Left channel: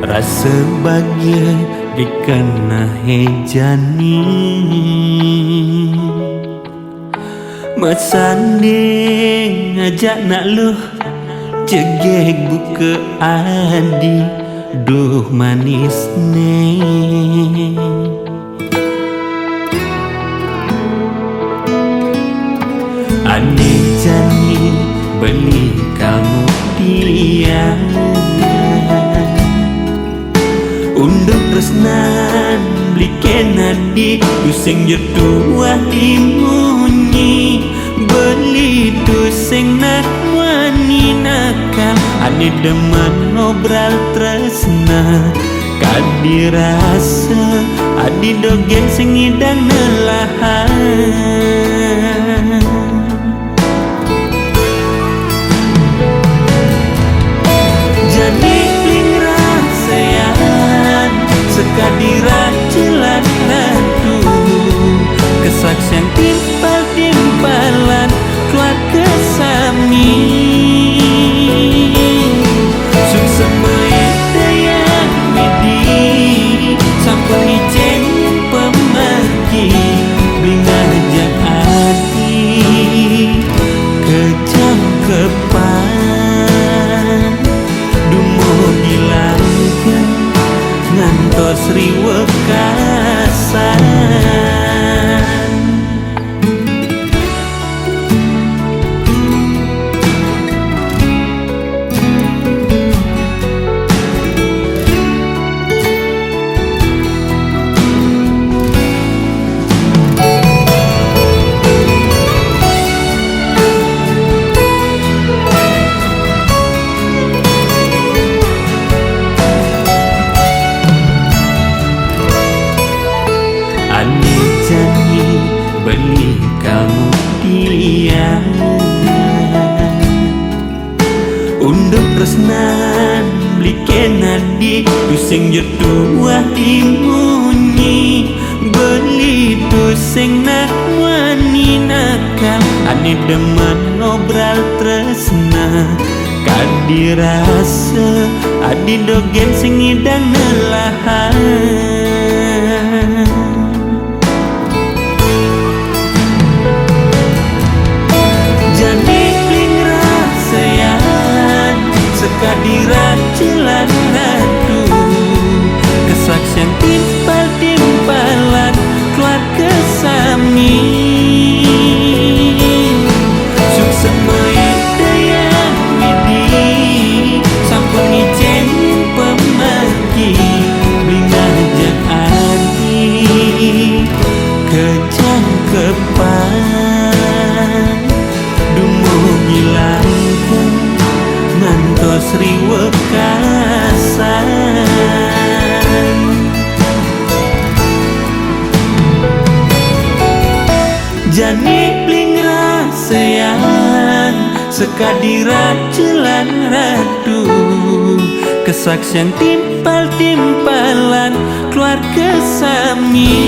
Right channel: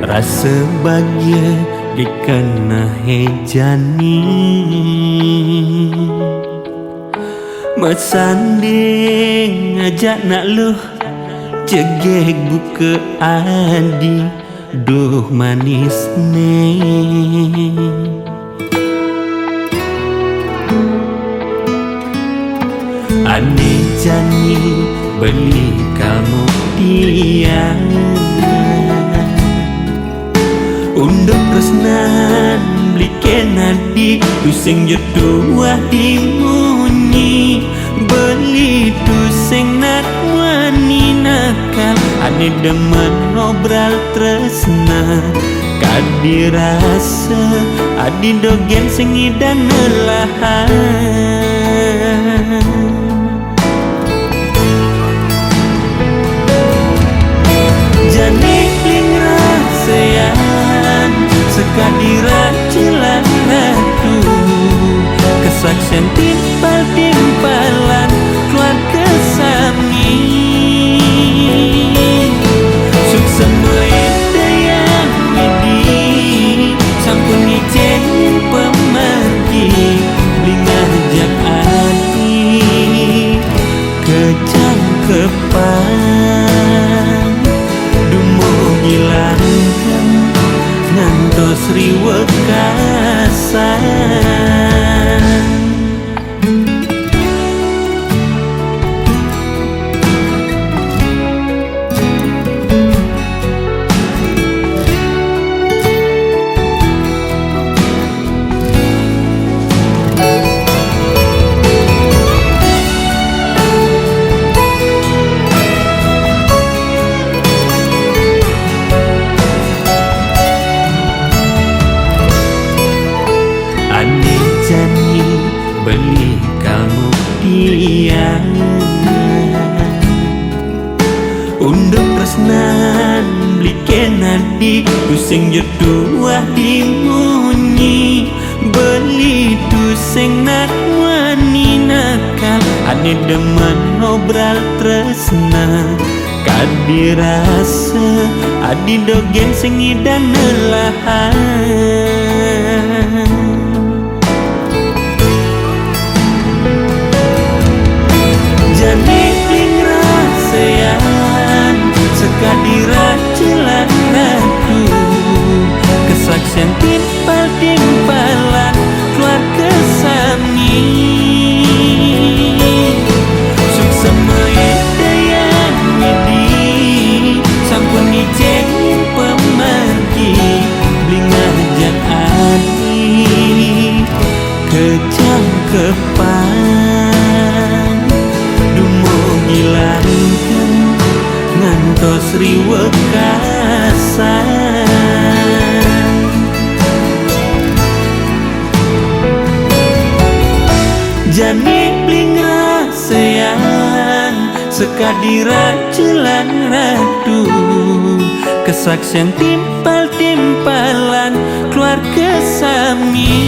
Rasa bahagia dikena hejani Mesanding ngajak nak luh Jegek buka adi Duh manis ne Ane jani beli kalmu dia Unduk resnan beli kenadi Tusing jodoh dimunyi Beli tusing nak wani nakal Ane demen ngobrol tresna Kadi rasa adi dogen sing idang nelahan Jani bling rasayan Sekadiran jelan radu Kesaksian timpal-timpalan Keluarga sami Suksemai dayang widi Sampun ngicenin pemergi Bling ngajak adi Kejangkepan Dumo gilangkan ngantos riwekasan Ane jani beli kalmu dia Unduk resnan beli kenadi Tusing jodoh dimunyi Beli tusing nak wani nakal Ane demen ngobrol tresna Kadi rasa adi dogen sing idang nelahan Jani bling rasayan Sekadiran jelan radu Kesaksian timpal-timpalan Keluarga sami Suksemai dayang widi Sampun ngicenin pemergi Bling ngajak adi Kejangkepan Dumo gilangkan ngantos riwekasan Jani bling rasayan Sekadiran jelan radu Kesaksian timpal-timpalan Keluarga sami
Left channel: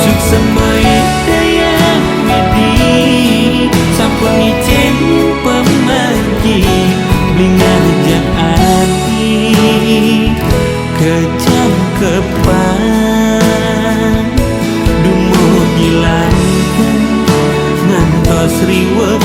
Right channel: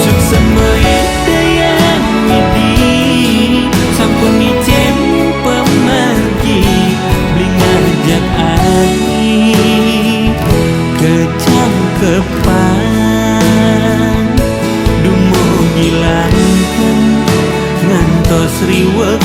Suksemai dayang widi Sampun ngicenin pemergi Bling ngajak adi Kejangkepan Dumo gilangkan ngantos riwekasan